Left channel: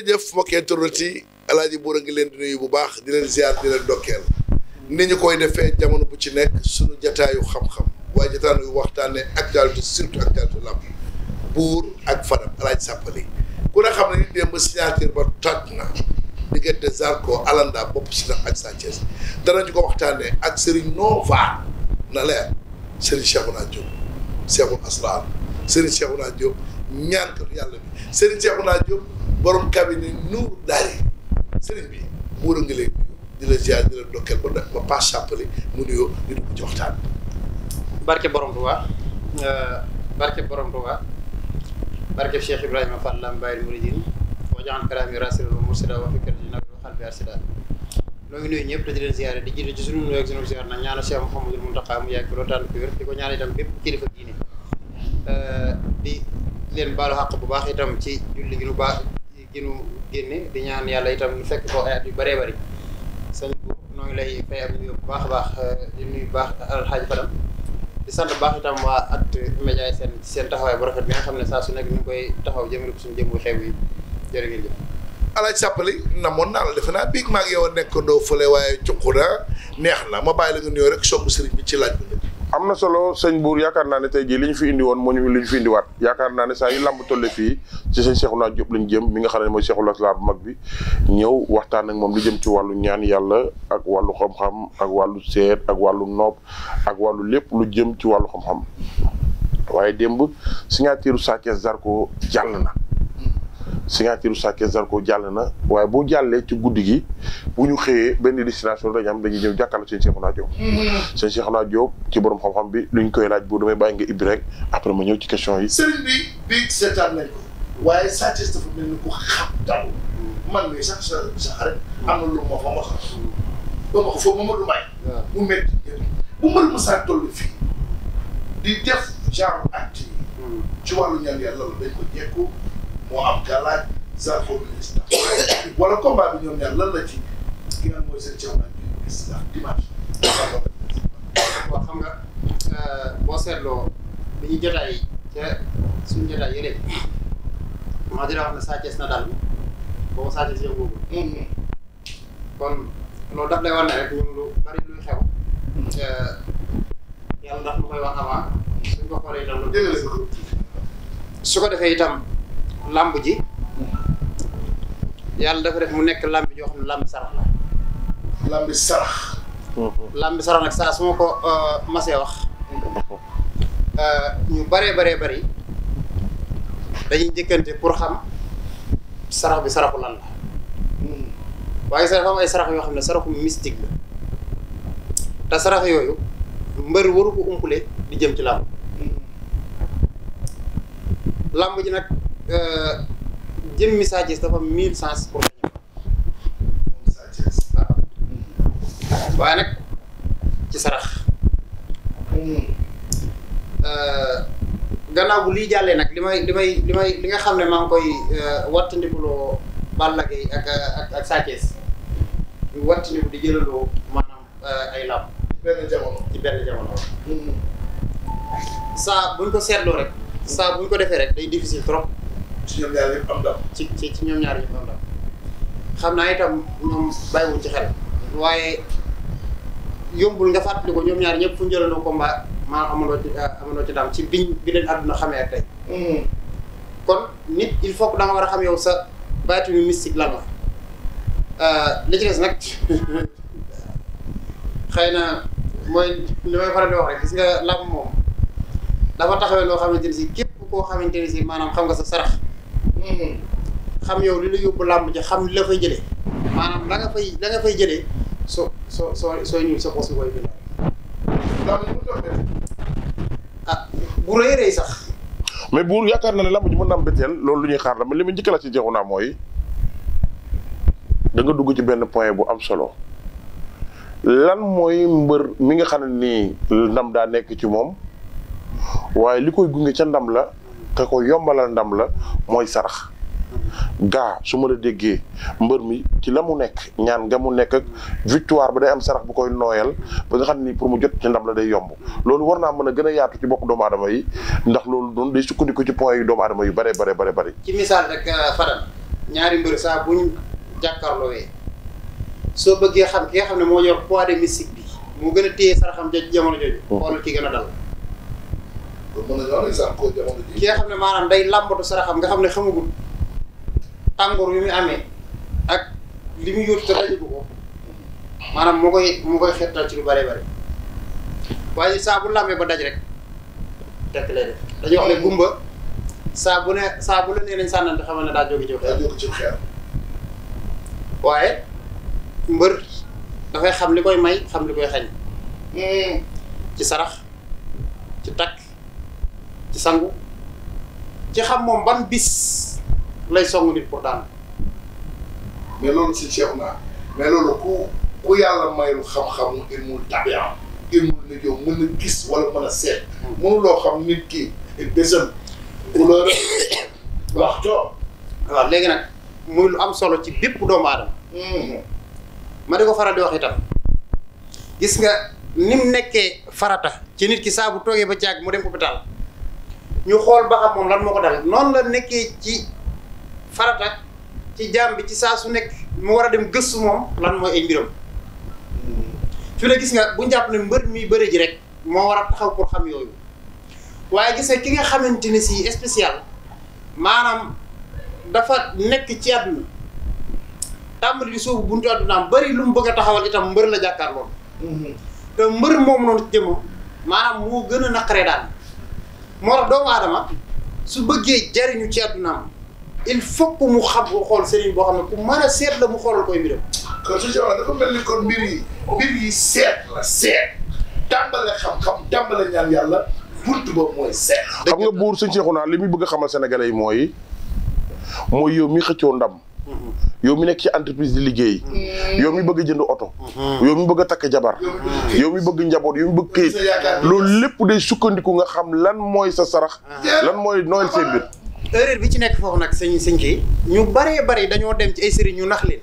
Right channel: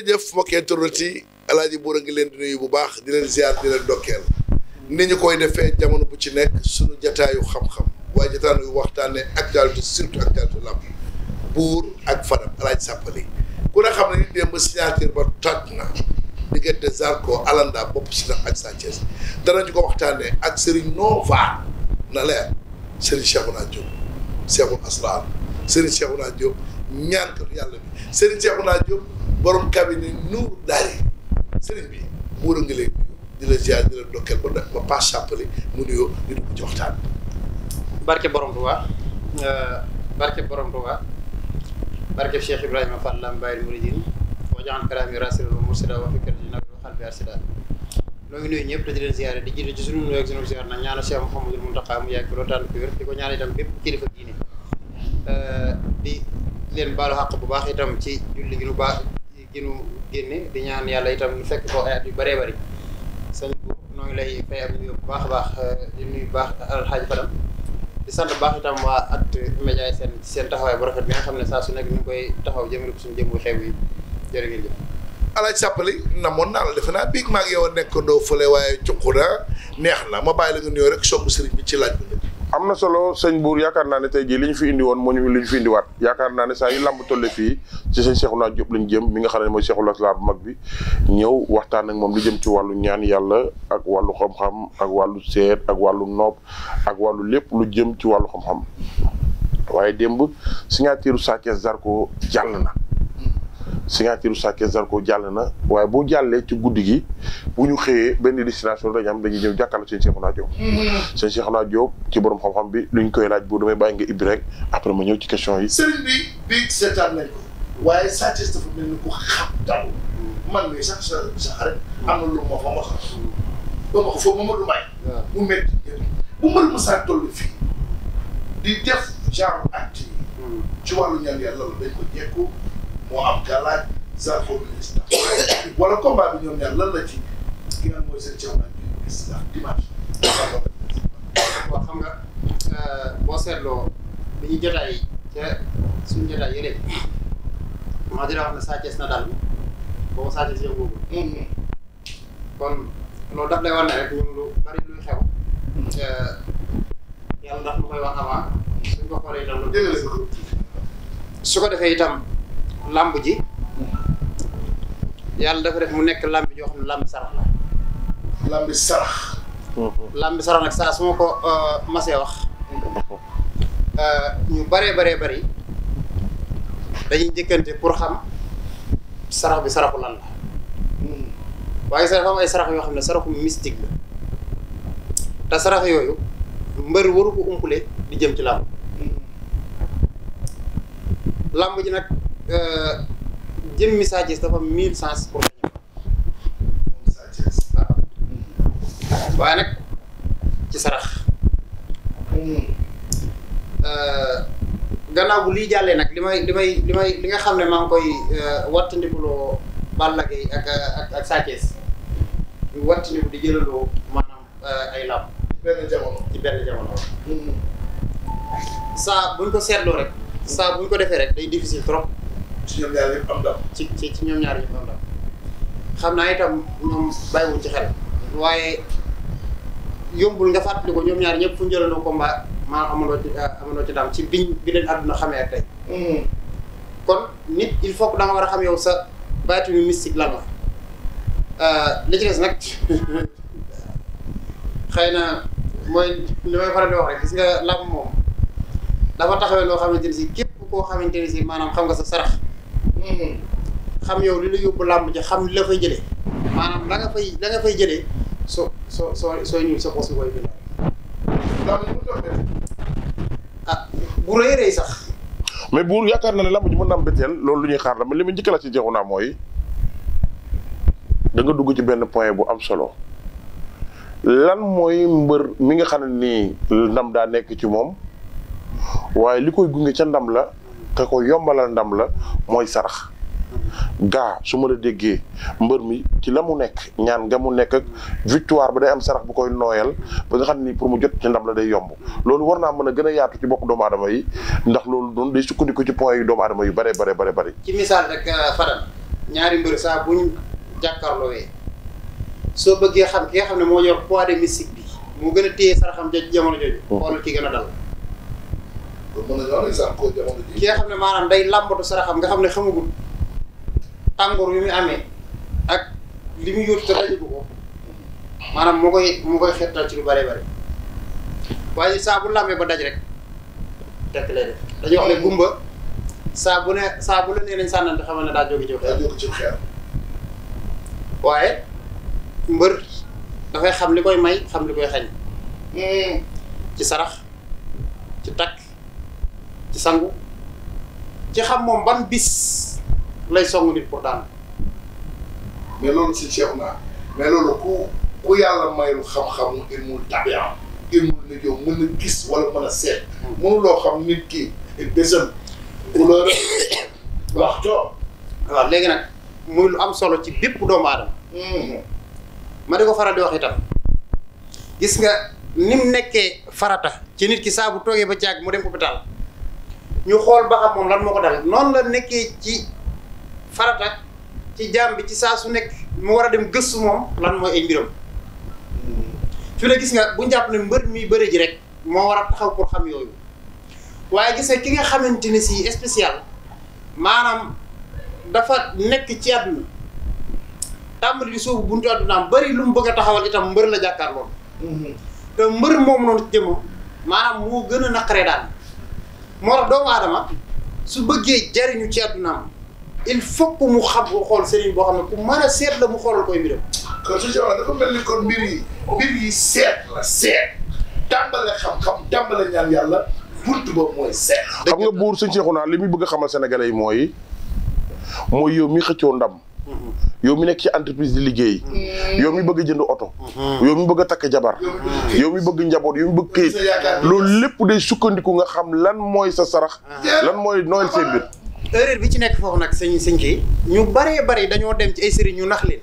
jërëjëf mbokki internet yi Alaaji Buur a ngi leen di nuyu bu baax di leen ziar di leen dokkeel ni ñu koy defee jamono bu ci nekk suñu jataayu xam-xam waaye jataayu waxtaanee actualité surtout actualité lamb Buur ak Fadam Alaaji Sàppali ku ne xam ne ni démb signature ba toj na diggante Zarko Alanda bopp si ak Sa Thiès danañu ko waxtaanee ak Serigne Nova na leer Serigne Cheikhouna Diop Cheikhul Asrar Serigne Cheikhouna Diop ñaan ko yàlla bi Serigne Cheikhouna Diop borom cabinet Nour Daari Serigne bi Buur a ngi lay nuyu di la ziar di la dokkeel ba pas Sàppali mu nuyoo di dugg ci waxtaan barke borom Tuubaa barke borom Tuubaa barke Cheikh Ibrahima Fall Lambaye Mouridine wa jaxan kalaami rasulul mursida wa fikrati nabi wa qalbi arsida noo ngi nuyu ñëpp te di leen ziare di jiitu ci sunu nuyoo ak sunu ziar nag ñaanal Cheikh Mouhamadul Mountakha mu yàgg fi loolu tànn ko wér di ko ñaan itam bépp kilifa diine di leen baalu xàq bu baax itam ci julli gi nu baax gi nu génne di ñaan yàlla itam ñu fekk ko ay at yu bëree bëri sëñ bu noo ngi lay fay am nuyu bu baax a baax di nuyu bu baax Alxaaji Fadam di sant baax itam waa At-Média seen taxawaay bu rafet bi nga xam ne saa su nekk ñu koy taxaw jëmale ko suñu jëm bu xew yi jërë ngeen jëf. Alaaji Sàppali namoon naa la defe naa biig maa ngi yow a nekkandoo fële waaye cuqu na neex na ma bàyyi la nga nuyoo rek song sëriñ bi ci laaj bi nag. am na solo sëñ Buur yaakaar naa ne tey jii li ñu fi indi woon moo ñu li ñu fi indiwaat yaakaar naa ne saa yu lamb tolle fii ci sëñ Cheikhouna Diop lañ jëm mi nga xam ne mooy Cheikhul Asrar bu mag bi ñëw waxtaan ak moom li jëm ci wàllu ñaan yàlla ak wàllu xam-xam ak wàllu seet ak wàllu nopp ak wàllu lépp lu jëm ci wàllu xam-xam waaye démb signature Sa Thiès Zarko jàll na signature Sa Thiès Zarko jàll na waaye bu jàllee ci guddi gi bu ñu xëyee benn destination dañu am dañuy ñëw jàkkaarloo sëñ Cheikhouna Diop. sëñ Cheikhouna Diop ci borom xam-xam bi luñ koy laaj bu damay bàyyi nga ibbi rek après ma ñëw ci question yi. sëriñ bi bii seetaan nañ ko waaye Sa Thiès dafa mel ni ku xam daw man mii sax sa xarit am na lu ma fa mos a. ba ma ko foofu Mamadou Mbaye. mu métti bu mbër Moussa toll fii di def genre acte yi. ci wàllu ñaan yàlla la dañ ko jekku moo am galaaj Zarko ministre wala combat bi ñoom ñaar lan la ci ki nga mooy seen Cheikhouna Diop gis nga dimanche. waaw xam nga boo seetloo bi ñu jotaay ca suñu jotaay yële maa dina wax ne Sa Thiès na daal boobu Sa Thiès yëngu kon loolu daf lay war ne rek ñun lu bari luy xew yàlla ndax lu koy wax avant suñ ko xoolee itam lu su ko defee itam làmb ji yàlla dafa def mu nekk làmb joo xam ne làmb sarax la. làmb sarax. làmb sarax nag saa su ma ko masee wax ñu bëree bëri dañuy njëkkante pour xam sarax bi saraxu lan la waaye sax dafa am ay sarax yoo xam ne saraxu mystique la te sarax yooyu mbër waru ko umpule di jëm ci làmb làmb ji nag jëmmi Sa Thiès dafa 1000 sens pour nga ñëw Sa Thiès waaw waaye nag ci sarax gannaaw bu lii jàllee nag li nga xam ne maa ngi koy wattandikuloo Balla Gaye ak Sa Thiès ñu wattandiku di jëlandoo maanaam ay làmb ci benn jamono saa buñ ko seetloo rek saa buñ ko defee rek day difficile trop ci ñoom ñaar yëpp am ndam. ci ñoom ñaar yëpp am ndam xam naa itam ñoom bàyyiwuñ ci xel waaye yombul nga fàttali ko ñoom ñaar ñëpp fu ñu jëlandoo combat maa amandoo ci ndam ci bi leen àdduna xamee ak tey kon nit il faut que da nga war a xam yow sa baatinu mystique lan la li ci des nag xëy na mooy li may faral di wax rek gis nga làmb moom dafa taxawee loo xamante ni si képp koo xamante ni si maanaam xam nga sa sarax xam yow li la yóbbu làmb ji xam li la fay jëlee maanaam la nga fay jëlee soo ñëw sa poche koy bindal. ah bu rëy sax. mais Buur yaakaar na ne lamb ji mën na am betteel loolu lu ñuy xaar la mais li mu njëkk la ci Cheikhouna mooy da nga dugg ci benn point bu am solo lan mooy mbër mi nga xam ne nii ndam daa nekk ci moom waaye li koy gunge ca ndam la te ko yombalal ndam la mooy sarax gaa su ma la déggee mbër mi ci la mu nekk ñaan nga mu nekk ak victoire ba day am sarax bu koy nooyal ba nga xam ni pour mu jot ci ndam la day yomb loolu war naa mën a gën a yaatu ci bopp doomu aadama yi ndax loolu doon day sukkandiku ci point yu doomu aadama yu bare. ci misaal rek Fadam ñaari mbër saa bu ñu jàkkaarloowee soo bëggee xam ki nga xam ne moo yor poids de mystique bi moo gën a téye saraxam jamono jooju. xoolal ki gën a dal. kon mën nañoo exemple ko jamono ji. ki nga xam ne maanaam day làmbatu saraxam nga xam ne xamagul tàngoor yu muy amee ak li muy yóotu te dajagu ko maanaam moo koy xettal ci lu bëree bëri waaye saa bu làmbee ba daj rek tekk lay def dañuy wax ne gumba saa bu la nee nañ sànnante xamal ne daa jóge ci xeer. daa jóge ci xeer. waaye mbër dafay xam li koy may xam li koy xañ. ci sarax ci takk ci sangu ci xam moom ban bis lay song nit pour daan. mais loolu si Cheikh naa mais loolu ku yàlla mayul xam-xamu ilmul tabi'a ilmul nujum mën na gis wala mën a seet. mënuloo xam nit ki bésam couleur waxtoo. waaw léegi nag muy lu am solo ci bépp doomu aadama. ma di ko faral di wax itam gis nga ni mu nekkee farata ci nit ki saa bu toogee ba jàgg mu dem hôpital ñu xool ba xam moom lan moo ko dal noonu la nekkee ci farata ci jaam bi ci saa su nekk mu war a dem gëstu moom lan mooy ay mbiram. fi la gis nga bu ñu jàpp ne mbër mi bëre ji rek moo war a taxaw pour xam yooyu waaye gis nga ki nga xamante ne si spécial maanaam dafa nekk ci àdduna tàmbali di soobu buntu àddunaam bëri lu mu bëgg a taxawal itam mbër la jàkkaarloo. te mbër moom noonu jëmam maanaam moo gën a naqaree daan moo tax doomu aadama su bëggee jariñu ci àddunaam il faut que mu xam ko xool sëriñ boo xam ne ku mën a seet la mu xoolal koy mbiram. kon su Cheikh dafa mel ni kon mbir yi seet la seet tàmbale xam-xam tàmbale ñaan yàlla buntu boobu mooy seet. xam nga buur sëñ Cheikhouna li muy bëgg a xamal sénégalais yi mooy yow mi xëccoo ndam. yow mi nekk ci entreprise di liggéey. yow mi bëgg a jënd oto. yow mi bëgg a takk jabar. yow mi bëgg njaboot yow mi bëgg këyit. loolu lépp day sukkandiku nga xam lan mooy sa sarax. lan mooy nooyal seen mbir. erreur bi ci nekk foofu nag sëñ kii ñu baree bari dañoo dem ci ay sëriñ ñu nax leen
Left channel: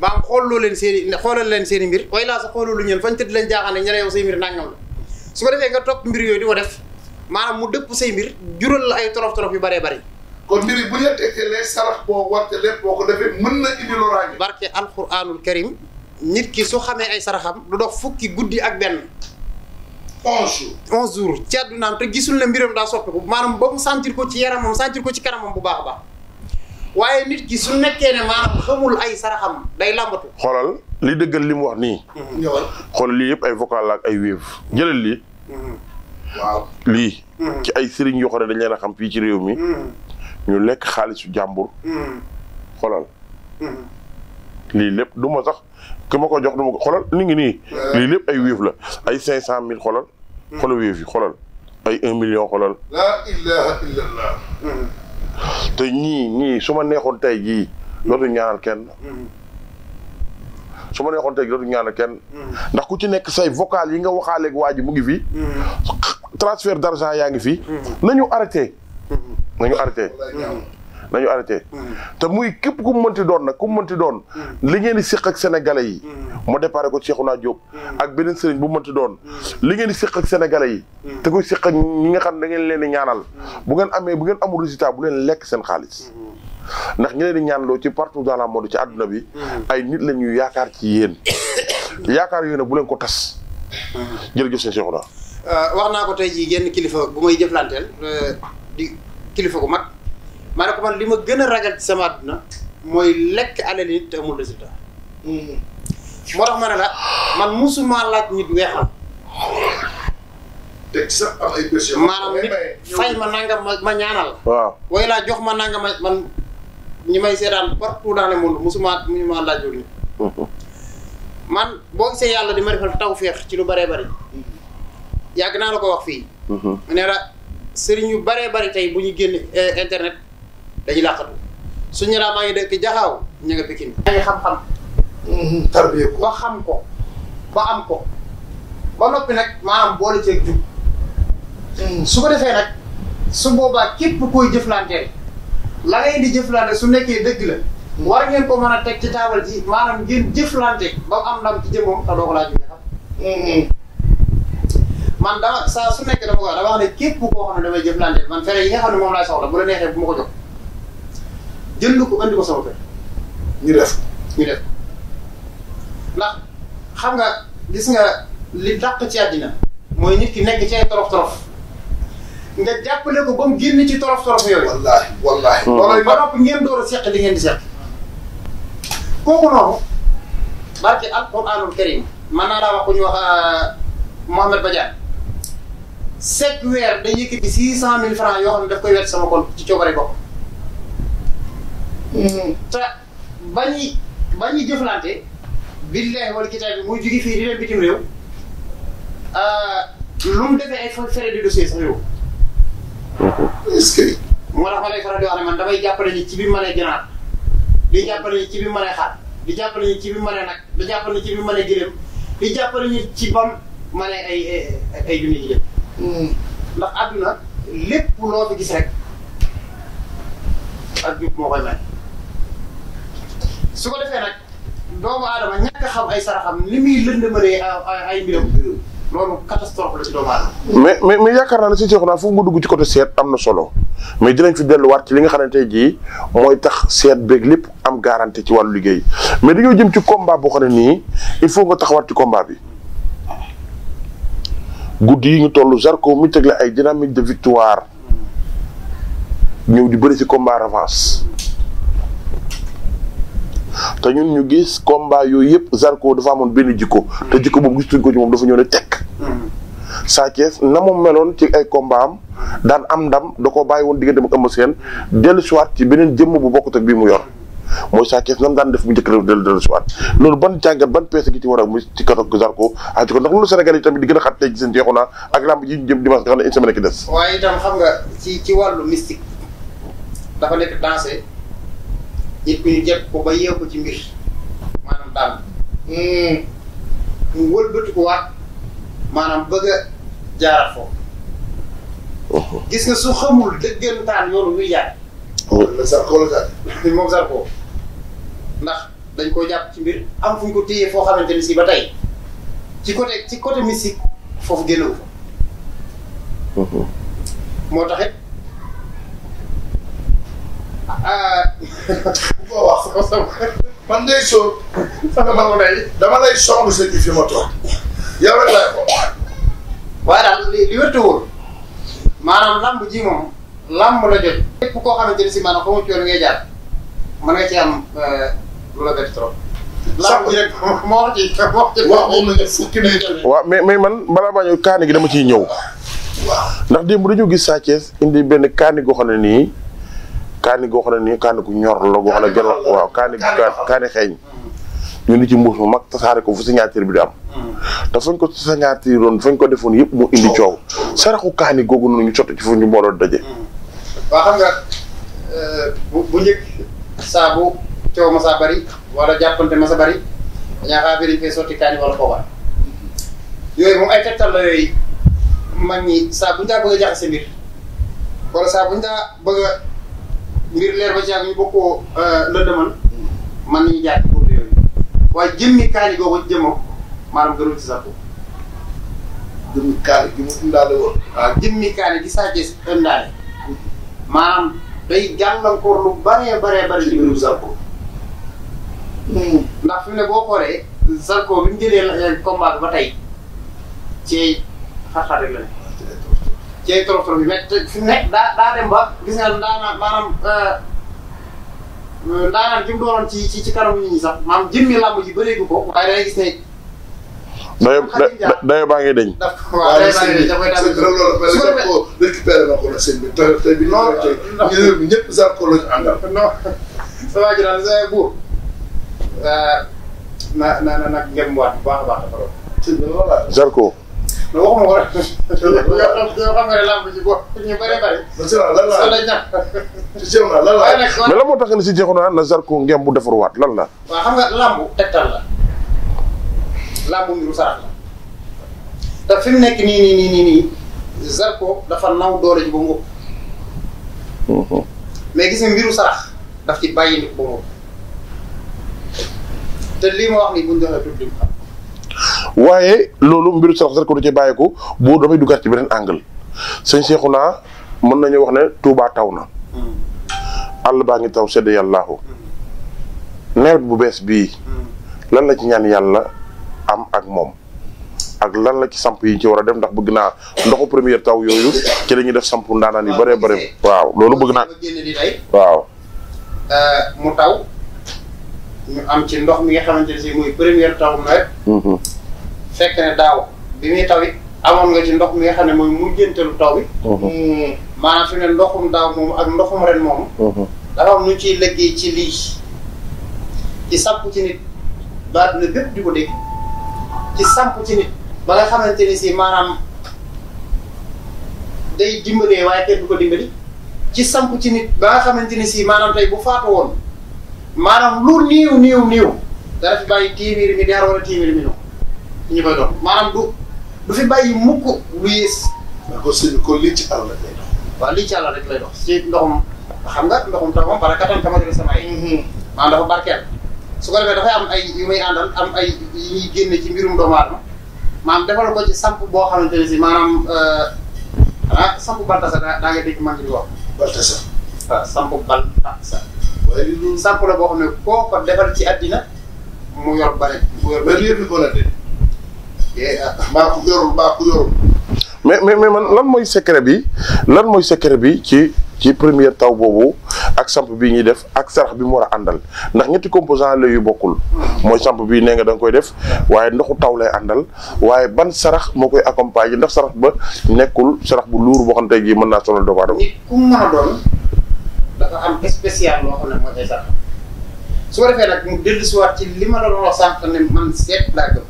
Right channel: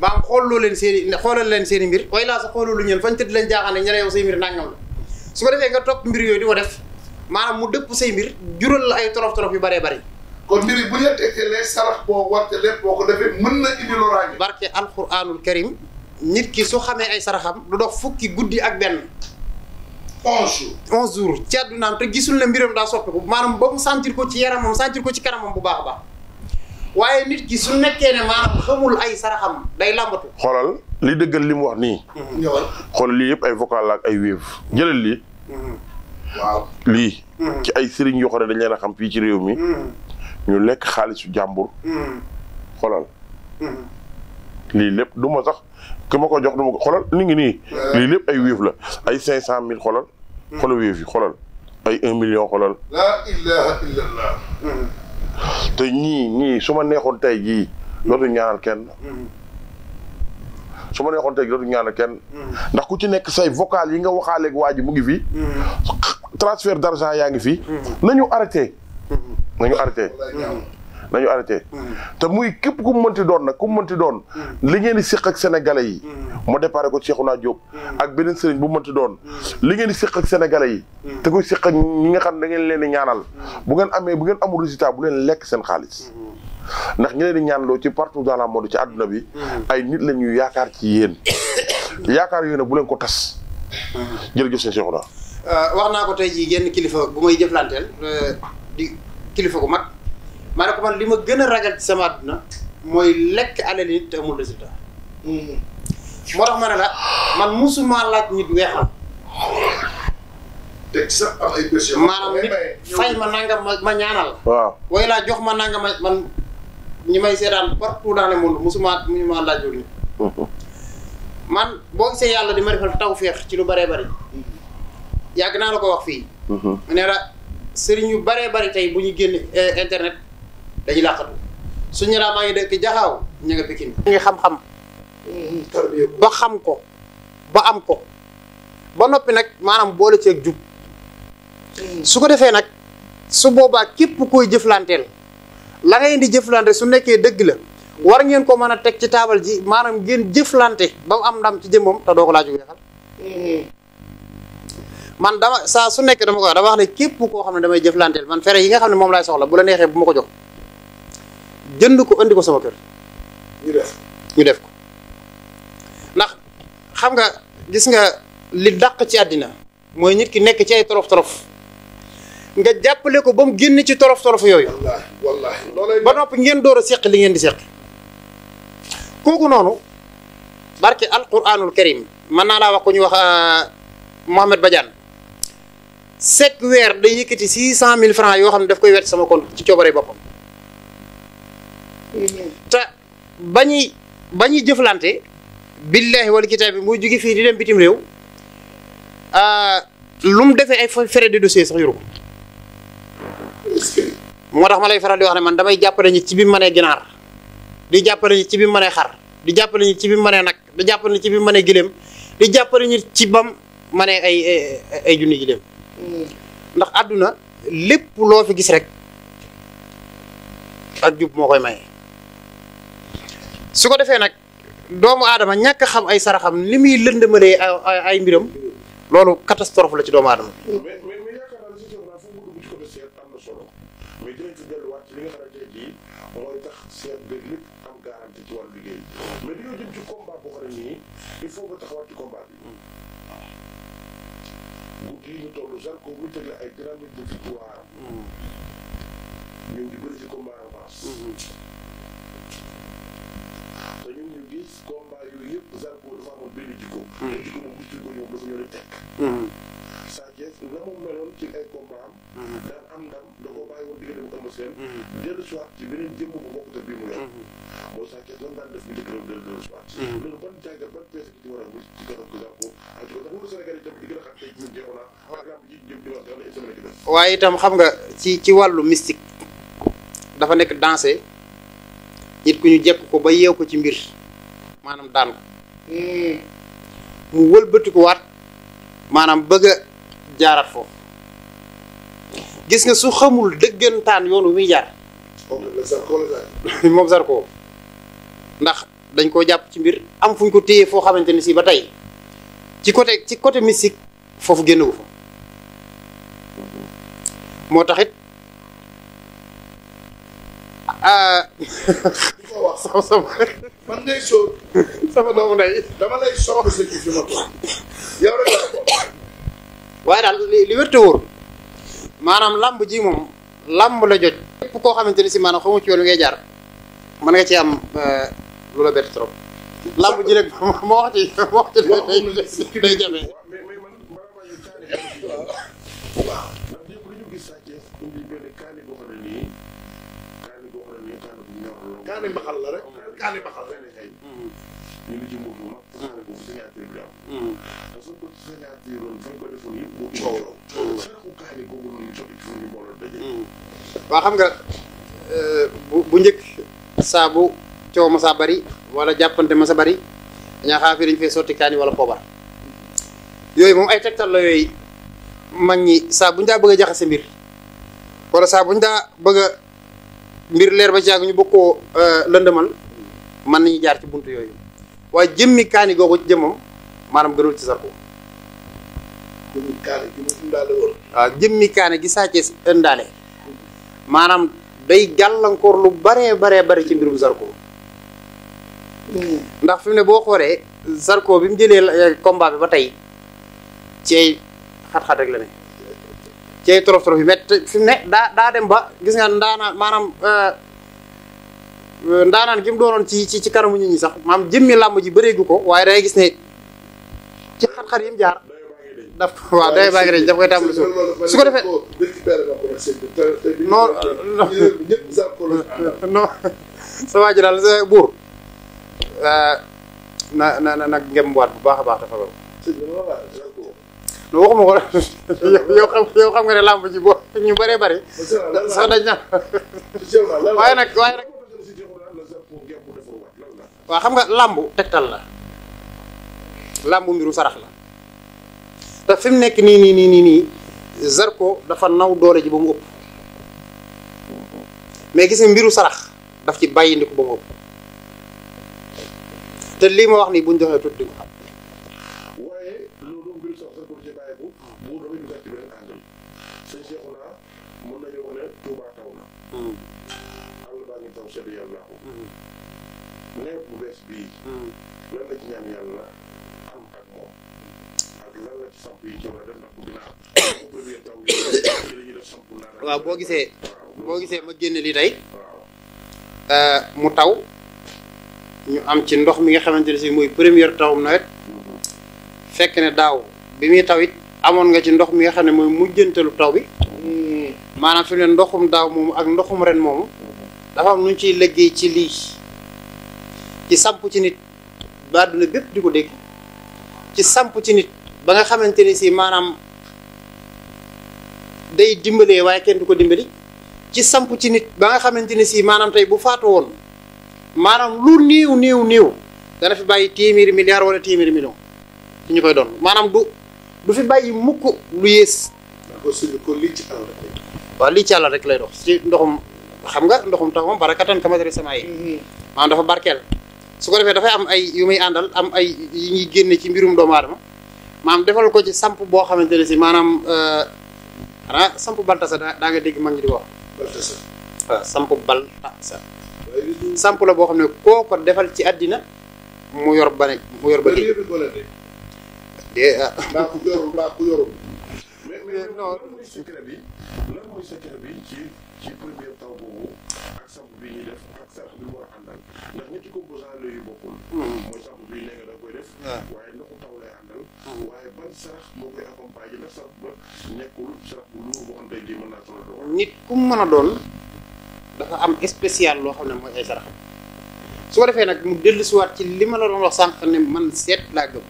ba am xooloo leen xoolal leen seen i mbir way laa sa xooloo lu ñeen fañ tëdd leen jaaxaan ne ña yow say mbir nangam la su ko defee nga topp mbir yooyu di ko def maanaam mu dëpp say mbir jural la ay tolof yu baree bari. kon mbir yi bu ñu la tegtalee sarax boo warte lépp boo ko defee mën na indi loraange. barke alquranul karim nit ki su xamee ay saraxam du dox fukki guddi ak benn. 11 jours ci àddunaam te gisul ne mbiram daa soppiku maanaam ba mu sentir ko ci yaramam sentir ko ci kanamam bu baax a baax waaye nit ki su nekkee ne maanaam xamul ay saraxam day làmbatu. xoolal li dëggal li mu wax nii. xoolal lii yëpp ay vocal la ak ay wéev jëlal lii. waaw lii. ci ay sëriñ yoo xam ne dañ leen a xam fii ci réew mi. ñu lekk xaalisu jàmbur. xoolal. lii lépp du ma sax ki ma ko jox du ma ko xoolal ni ngi nii. lii lépp ay wéef la ay 500000 xoolal. xoolal wéef yi xoolal ay 1 million xoolal. la ilaha illallah. te ñii su ma neexoon tey jii. dootu ñaanal kenn. su ma neexoon tey jii dootu ñaanal kenn. ndax ku ci nekk say vocal yi nga waxaaleeg waa ji mu ngi fi. transfert d'argent yaa ngi fi. nañu arrêté. nañu arrêté te muy képp ku mu mënti doon nag ku mu mënti doon li ngeen di séq ak sénégalais yi mu déparé ko Cheikhouna Diop ak beneen sëriñ bu mënti doon li ngeen di séq ak sénégalais yi te koy séq ak ñi nga xam ne da ngeen leen di ñaanal bu ngeen amul résultat bu leen lekk seen xaalis ndax ñi leen di ñaanaloo ci partout dans le monde ci àdduna bi ay nit la ñuy yaakaar ci yéen yaakaar yooyu nag bu leen ko tas jërëjëf seen Cheikhouna. wax naa ko tey jii genn kilifa bu may jëflanteel di kilifa gu mag maa ne ko man li ma gën a ragal ci sama àdduna mooy lekk alal nit te amul résultat. moo tax ma ne la man musuma laaj nit weexal. te sax am ay bés yoo maanaam nit fay ma nangam ma ñaanal. waaw way laa jox ma nangam man ñi may seetaan partout dans le monde musuma laaj loolu nit. man boo gisee yàlla di ma defal tawféex ci lu bëree bëri. yàgg naa la ko wax fii. ne la sëriñ yu bëree bëri tey bu ñu génn internet. dañuy làqatu suñu laa maa ngi dëkk jaxaaw ñu nga Pikine maa ngi xam-xam tarbiya ko ba xam ko ba am ko ba noppi nag maanaam boole ci ak jub su ko defee nag su boobaa képp koy jëflanteel la ngay di jëflante su nekkee dëgg la war ngeen ko mën a teg ci taabal ji maanaam ngeen jëflante ba am ndam ci jëmmoom te doo ko laaj xam man dama saa su nekk dama ko dama wax ne képp koo xam ne damay jëflanteel man fere yi nga xam ne moom laay soxla bu la neexee bu ma ko jox jënd ko ko andi ko sama kër. ñu def ko ndax xam nga gis nga li dàq ci àddina mooy nit ki nekk ci ay torof nga jàppale ko ba mu génn ci torof yooyu. wallaahi. ba noppi ngeen door a seq li ngeen di seq. kooku noonu barke alquranul karim mën naa laa wax ku ñu wax Mohamed Badiane chaque weer day yëkkati 600 000 francs yoo xam ne daf koy wet sama compte ci coobare boppam. te ba ñuy jëflante billahi wal kitaab bi muy jóge fii di dem bitim réew lu mu defee ay frais de dossier sax yoru. est-ce que. moo tax ma lay faral di wax ne man damay jàppale ñi ci bi mu mënee ginaar di jàppale ñi ci bi mu mënee xar di jàppale ñi ci bi mu mënee nag di jàppale ñi ci bi mu mënee gëléem di jàppale ñi ci bam mënee ay junni gëléem. ndax àdduna lépp loo fi gis rek ak jub moo koy may. su ko defee nag doomu aadama ñàkk xam ay saraxam li muy lëndëmalee ay mbiram loolu catastrophe la ci doomu aadama. mais yaakaar naa ne si Cheikhouna foofu nga dugg ci côté seet am na solo mais dinañ fi delluwaat ci li nga xamante ne jii mooy tax seet beeg lépp am garantie ci wàllu liggéey mais dañoo jëm ci combat boo xam ne nii il faut nga taxawaat ci combat bi. guddi yi ñu toll Zarko mi tegle ay dynamique de victoire ñëw di bëri ci combat revanche te ñun ñu gis combat yooyu yëpp Zarko dafa amoon benn jikko te jikko boobu gis tuñ ko ci moom dafa ñëw ne tekk Sa Thiès na mu meloon ci ay combat am daan am ndam da koo bàyyi woon diggante ak Eumeu Sène dellu siwaat ci beneen jëmm bu bokkut ak bii mu yor mooy Sa Thiès nam daan def bu njëkk dellu siwaat loolu ban jàngat ban peese gi ci war a muy ci katok Zarko ak ci ko ndax loolu Sénégal yi tamit di gën a xat léegi seen Cheikhouna ak lamb ji ñu jëm dimanche nga xam ne une semaine ki des waaye itam xam nga ci wàllu mystique dafa nekk dansé nit ku ñu jekk ko ba yeew ko ci mbir maanaam daan mu wëlbatiku waat maanaam bëgg a jaarat foofu gis nga su xamul dëggantaan yoonu wi jaar moom Zarko ndax dañ koo jàpp ci mbir am fu ñu ko téye foo xamante ni si ba tey ci côté mystique foofu génnewu fa moo taxit man day soo sama dama lay soxla sa ji fi ma toog yow rek laay ko waaye daal li wér te wóor maanaam lamb ji moom lamb la jot képp koo xamante ni si maanaam xamu ci yoon ngay jaar mën nga ci am lu la bett trop lamb ji rek moo ci waaw mais man balaa maa ñëw kaani gi dama ciy ñëw ndax démb dañoo gis Sa Thiès indi benn kaani goo xam ne nii kaani gu ñor la goo xam ne gën waaw kaani xeeñ ñu ni ci mbuus mu mag tasaare ko fu signature bi di am te fañ ko signature doon fañ ko defoon yëpp mu indi coow saraxu kaani googu noonu ñu sotti ci fu ñu mbooloo daje waaw xam nga bu njëkk saa bu coow ma saa bari wala jàppante ma sa bari dañaa xaa biriñ fee sotti kaani wala poobar yooyu moom ay tegtal la yooyu mag ñi saa buñu daa bëgg a jaxase mbir wala saa buñu daa bëgg a mbir leer ba caag ñu bëgg koo lëndëmal mën nañu jaar ci buntu yooyu waaye jëmmi kaani googu ci jëmmam maanaam gënul ci Zarko jëmmi kaani gi mu indaale woon waaw jëmmi kaani gi Sa Thiès indaale maanaam day gàllankoor lu baree ci mbirum Zarko ndax fi mu ne boo xoolee Zarko bi mu jëlee combat bi ba tey ci ay xat-xat rek la ne ci ay torof yi mais fi mu nekk daa dem ba gis nga ndaanaan gi mu doonoon ci kanam nit ñi sax maanaam jëmmi làmb ji bëreegu ko waaye dangay gis ne dayo baa ngi deñ waaw dayo baa ngi deñ da koy daal su ko defee récupéré na ko la sëñ bi tey bi ñëpp ñëpp Zarko lañu àndal non sa waa ji daal sa buur na ngem waat bu baax a baax dafa doon Zarko non waxuma ko yow xam nga ne làmb ji boo ñu bëree bëri sa dañ na waaye nag mais la moo tax ne si Cheikhouna na Zarko ngem bu defaruwaat lan la waaw xam nga làmb tegtal la làmb mbiru sarax la te fi mu nekk nii Zarko dafa naw doole ji ba mu ëpp mais gis nga mbiru sarax daf ci bàyyi ni ko ba mu ëpp te lii ma wax nii buñ joxee tuuti xam waaye loolu mbiru sarax Zarko du ci bàyyeeku bu damay duggaat ci beneen angle sëñ Cheikhouna mën nañu wax ne Touba taw na àll baa ngi taw sedd yàllaahu nawet bu bees bii lan la ci ñaan yàlla am ak moom ak lan la ci samp yi ci war a def ndax bëgg naa ndoxu première taw yooyu ci la ñuy def samp ndaanaan yu bëree bëri waaw loolu bëgg naa génne di tey waaw mu taw ñu am ci ndox mi nga xamante ne si muy première taw nawet fekk ne daaw bi muy taw it amoon nga ci ndox mi nga xam ne mooy mujjantalu taw bi maanaam fi ne ndoxum daaw moomu ak ndoxum ren moomu dafa am nu ciy liggéey ci lii ci samp ci nit ba àdduna bépp di ko dégg ci samp ci nit ba nga xamante ne si maanaam day dimbalee waaye kenn du ko dimbali ci samp ci nit ba nga xamante ne si maanaam tey bu faatu woon maanaam lu niiw dana fi bàyyi téeméeri milliard wala téeméeri million ci ñu koy doon maanaam du fi bàyyi mukk lu yées. ko lii ci àll rek lay dox. waaw lii ci àll rek lay dox ci ndoxum xam nga ndoxum taw moom barakatan kama dara sama yi. maanaam dafa barkeel su ko defee dafay am ay yu muy àndal am ay yi ñuy génne ci mbirum doomu aadama maanaam defal ko ci samp boo xamante ne si maanaam samp baltasa daa nga dégg maa ngi di wax. baltasa. waaw samp baltasa. waaye li loolu samp la boo xam ne koo ko defal ci àddina mu yor ba ne mu yor ba lii bi ko la de. maa ko yorul. mais man lan mooy secret bi ci première taw boobu ak samp bii ñuy def ak sarax bi mu war a àndal ndax ñetti composant la yu bokkul mooy samp bii nee nga da nga koy def waaye ndoxu taw lay àndal waaye ban sarax moo koy accompagner ndax sarax ba nekkul sarax bu luur boo xam ne tey jii mën naa sonal doomu aadama. nit ku mu mën a doon dafa am spécial loo xam ne moo koy sarax su ko defee nag mu dellusiwaat ci li ma la doon wax sànq ne man seet laa gëm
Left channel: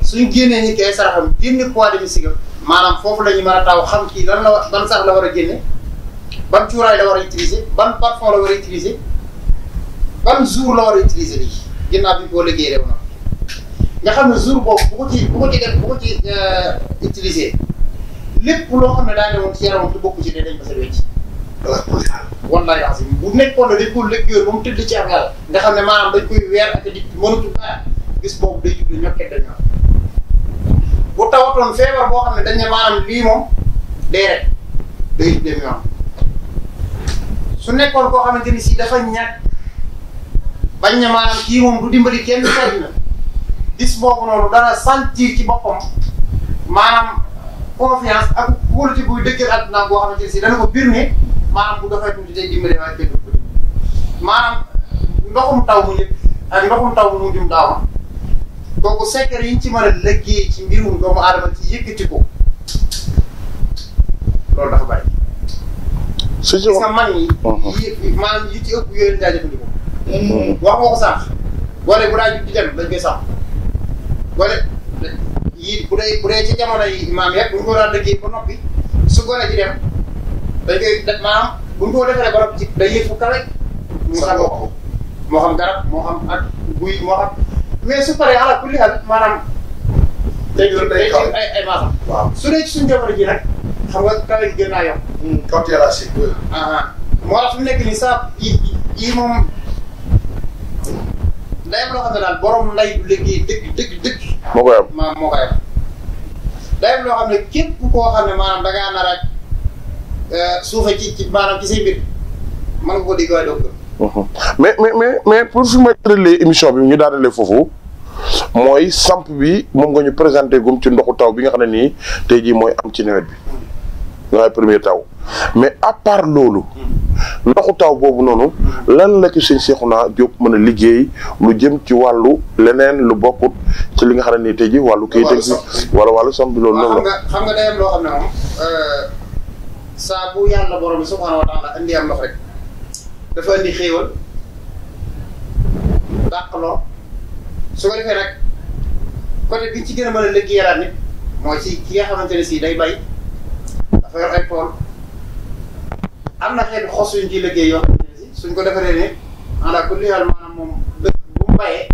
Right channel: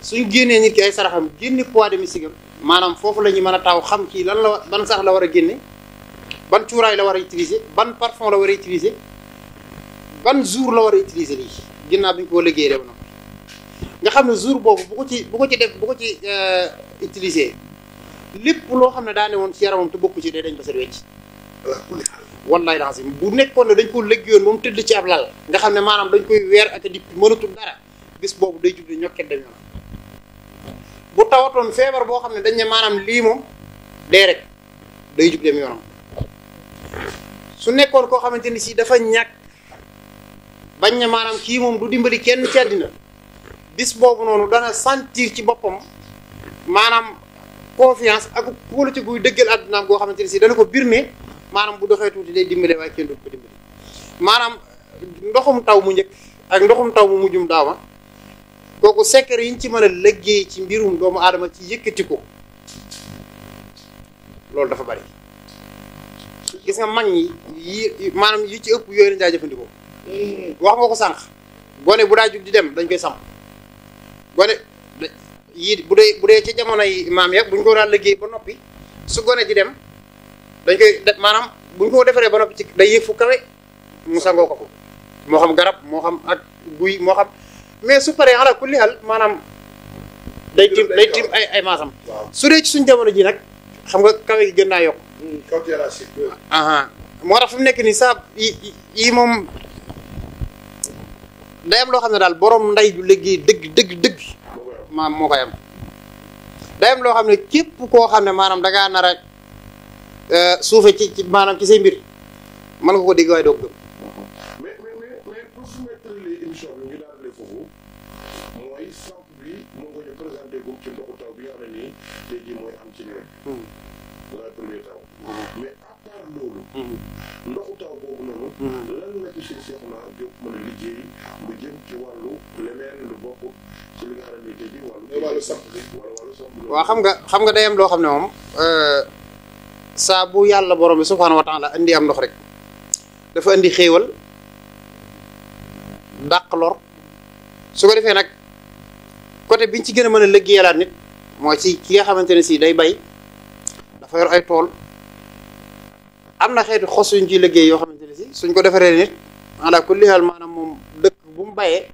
suñ génnee nit ki ay saraxam génne poids de mystique maanaam foofu la ñu mën a taw xam kii lan la ban sarax la war a génne ban cuuraay la war a utiliser ban parfum la war a utiliser ban jour la war a utiliser lii ginnaaw bi ko liggéey rek nga xam ne jour boobu bu ko ci utiliser lépp loo xam ne daa ne woon ci yaramam te bokku ci dee dañ ma sa wecc wallaay lancé bu nekkoon ne dañ ko liggéeyoon ba mu tëdd ci ab lal nga xam ne maanaam dañ koy weer ak di mënatu dara bis boobu day jublu ñokket dañ na bu tawatoon feebar boo xam ne dañ ne maanaam lii moom dee rek day jublu mi am su nekkoon koo xamante ni si dafa ñàkk bañ ne maanaam kii moom du dimbali kenn ci àddina bis boobu noonu dana sentir ci boppam maanaam confiance ak wóolu ci buy dëggal àdduna boo xamante ni si dana ko bir ne maanaam bu doxee tuuti day dimbali waaye kenn du ko dimbali maanaam ndoxum taw mu njëkk ak ndoxum taw mu mujjum daaw kooku secret yi ñu ci mën a liggéey ci mbirum doomu aadama ci yëkkati ko loolu dafa bari. gis nga mag ñi maanaam yi ci ëpp yooyu lañ daa jëfandikoo. wax nga ko sànq. gone bu daa jug di dem dañ koy sàmm. gone yii bu dee ci jamono yi maam yëpp bu ñu ko daan liggéey ba noppi su gone ji dem dañ koy def maanaam bu ñu ko defaree ba noppi ci day yëg fu kawe mu sangoo ko moo xam garab moo xam ak guy moo xam mais su paree ala kulli hal maanaam day tim ay maasam. waaw su dee ci suñu jamono ji nag xam nga kawe gi gën naa yokk. kaw terrasse yi. moo tax fi mu nekk nii saa yi moom day am loo xam ne daal borom nday du liggéey dëgg. moo koy am moo koy am. day am loo xam ne képp koo xam ne maanaam da ngaa nar a suufe ci maanaam ci say mbir mën nga ko dégg waaye doo ko. mais pour fi may tëralee émission bi ñu daanalee foofu mooy samp bi moom nga ñu présenté gum ci ndoxu taw bi nga xam ne nii tey jii mooy am ci nawet bi. mooy premier taw mais à part loolu. ndoxu taw boobu noonu. lan la ci sëñ Cheikhouna Diop mën a liggéey lu jëm ci wàllu leneen lu bokkut ci li nga xam ne nii tey jii wàllu kayit ak wala wàllu samp bi loolu. noonu xam nga day am loo xam ne moom saa bu yàlla borom bi subhaanahu wa taala indi am ndox rek dafa indi xéewal dàq lor su ko defee nag côté biñ ci gën a mën a liggéeyalaat nit mooy ci ki nga xamante ne si day bay. dafa yor ay tool am na xeetu xos yuñ ciy liggéey yoo xamante ne si suñ ko defaree nit ala kulli haal maanaam moom dëkk bu mu bayee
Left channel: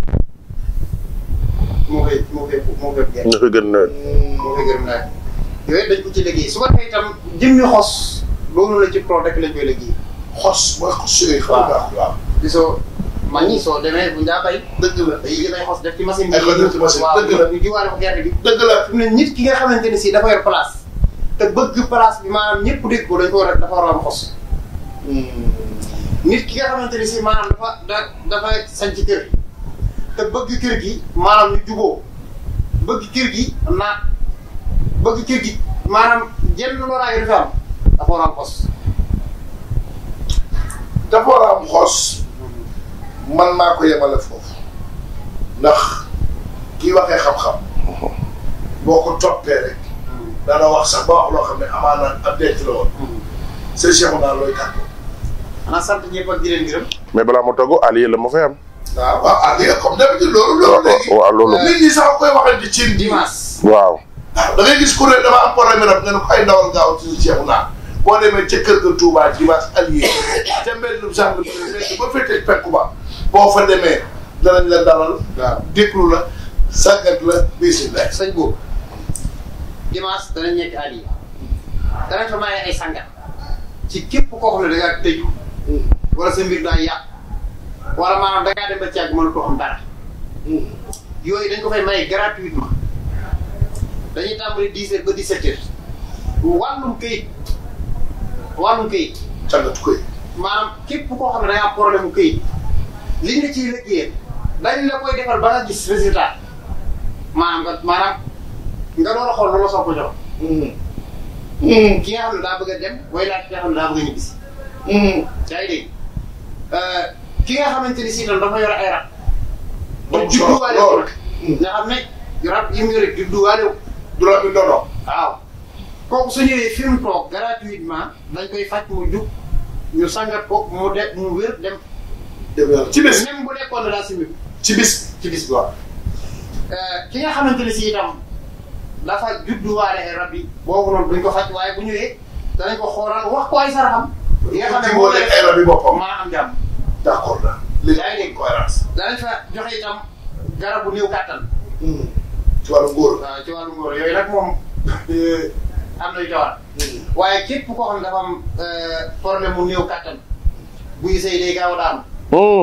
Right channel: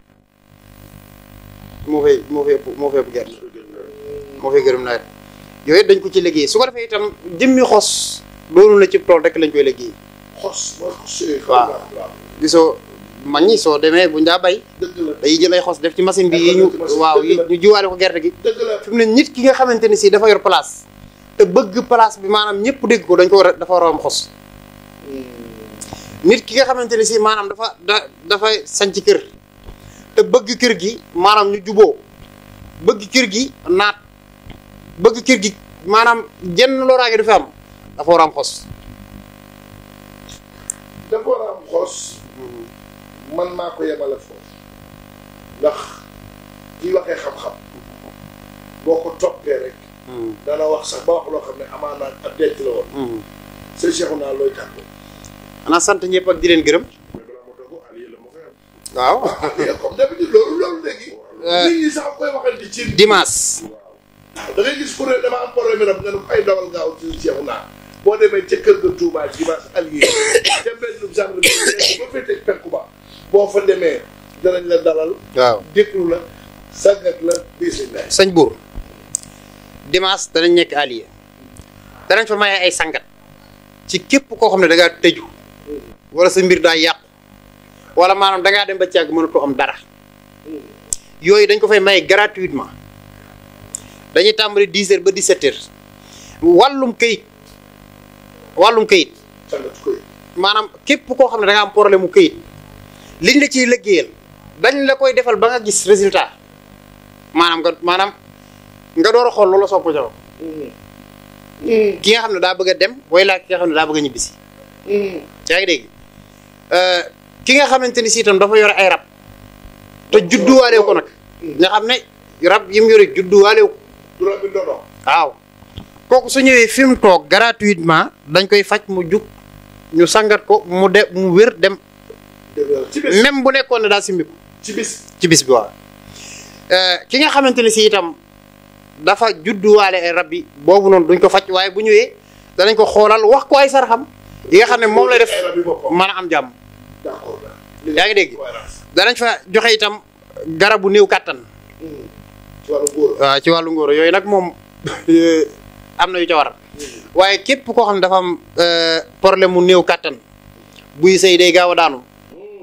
moo fee gën nawet moo fee gërëm nawet yooyu dañ ko ci liggéey su ko defee itam jëmmi xos loolu na ci tool rek lañ koy liggéey xos mooy xos yooyu. waaw gisoo mag ñi soo demee buñ daa bay. dëgg la day jël ay xos def ci machine bi. waaw ñu jiwaale ko gerte gi. dëgg la fi mu ne nit ki nga xamante ne si dafa yor place. te bëgg place bi maanaam ñëpp dégg ko dañ ko war a dafa war a am xos. nit ki nga xamante ne si maanaam dafay sanc kër te bëgg kër gi maanaam ñu juboo bëgg kër gi naat bëgg kër gi maanaam jenn loraange dafa am dafa war a am xos. dafa war a am xos man maa ko yemale foofu ndax kii waxee xam-xam boo ko toppee rek dana wax sax ba wax loo xam ne amaana ab denc la woon. sëñ Cheikh naa looy tàgg. xanaa sant ñëpp ak di leen gërëm. mais balaa ma togg Aliou la ma fay am. waaw Aliou comme d'habitude loolu léegi. waaw loolu nit ñi sax koy waxante ci dimanche. waaw. waaw da ngay gis ku ne dama am problème rek nga ne ko ay ndawal gaaw ci Cheikh naa boo demee ca kër ga Touba dimanche Aliou te mbellum sax ba féetee penku ba boo fa demee danañ la dalal. waaw déglu la sàggat la bisimilah. sëñ boobu dimanche danañ nekk Aliou danañ fa maye ay sangat ci képp koo xam ne da ngaa tëju wala sa mbir daa yàqu wala maanaam da ngaa dem ba ci àgg mënatoo am dara yooyu dañ ko fay maye gratuitement dañuy tàmbali 10h ba 17h wàllum këyit sàngatu koy. maanaam képp koo xam ne da nga am problème mu këyit liñ la ciy liggéeyal dañ la koy defal ba nga gis résultat maanaam nga door a xool loolu la soog ko jox. ki nga xam ne daa bëgg a dem wala ki nga xam ne daa bëgg a ñibbisi. yaa ngi dégg ki nga xamante ni si itam dafa yore ay rab. te judduwaale ko nag. nga xam ne rab yi mu yore judduwaale ko. du rab bi ndono. waaw kooku su ñëwee fi mu toog gratuitement dañ koy faj mu jug ñu sangat ko mu wér dem. ci bis même bu nekkoon ne daa simbi ci bis. ci bis bi waaw. ki nga xamante ne si itam dafa judduwaale ay rab yi boobu noonu duñ ko faj waaye bu ñëwee danañ ko xoolal wax ko ay saraxam yi nga xam ne moom la def ay rab yi boppam. mën a am jàmm. d'accord yaa ngi dégg danañ fa joxe itam garabu néew kàttan. ci wàllu ngóor. waaw ci wàllu ngóor yooyu nag moom am na yu ca war a waaye képp koo xam ne dafa am problème mu néew kàttan buy sëy day gaaw a daanu.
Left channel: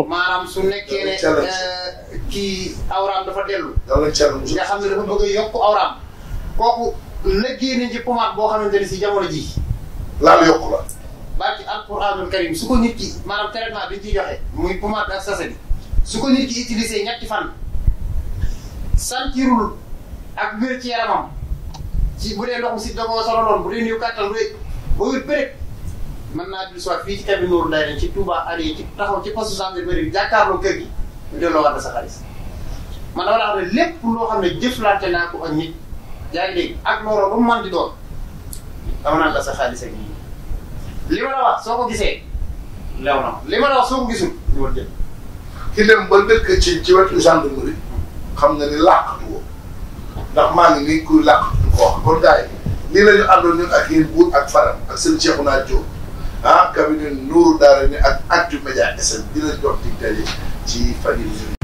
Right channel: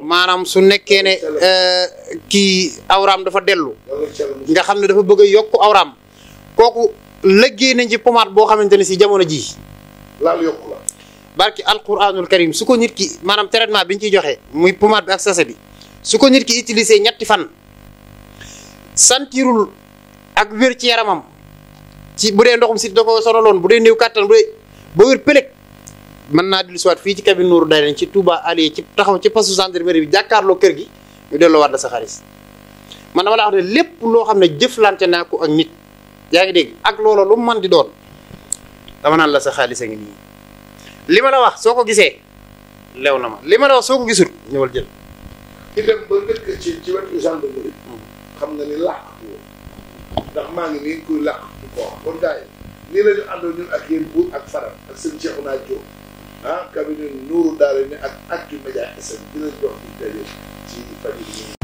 maanaam su nekkee ne kii awraam dafa dellu. nga xam ne dafa bëgg a yokk awraam. kooku liggéey nañ ci pommade boo xamante ne si jamono ji laal yokku la. barki alquranul karim su ko nit ki maanaam traitement bi ñu ciy joxe muy pommade bi ak sachet bi su ko nit ki utilisé ñetti fan sentirul ak wér ci yaramam ci bu dee ndoxum si da ko sonaloon bu dee néew kàttan bu dee ba wér pëlëg mën naa dellu siwaat fii ci cabine Nourou Darayni ci Touba Aliou ci taxaw ci poste gendarmerie bi jàkkaarloo kër gi ñu delloo waat sa xaalis man dama la wax ne lépp loo xam ne jëflante naa ko ak nit yaa ngi dégg ak loolu lu mu mën di doon dama naan la sa xaalis a ngi nii li ma la wax soo ko gisee lew na ma li ma la wax soo ko gisul ñëwal jël. ki dem ba dëkk ci wetu gendarmerie xam na ni làqatu woo ndax maa ngi nii kuy làqatu ko wax kon gars yi nii la ñu àndoon ñun ak yéen buur ak faram ak seen Cheikhouna Diop cabinet Nourou Darayni ak Actu Média SN dinañ doon dig daje ci fan yi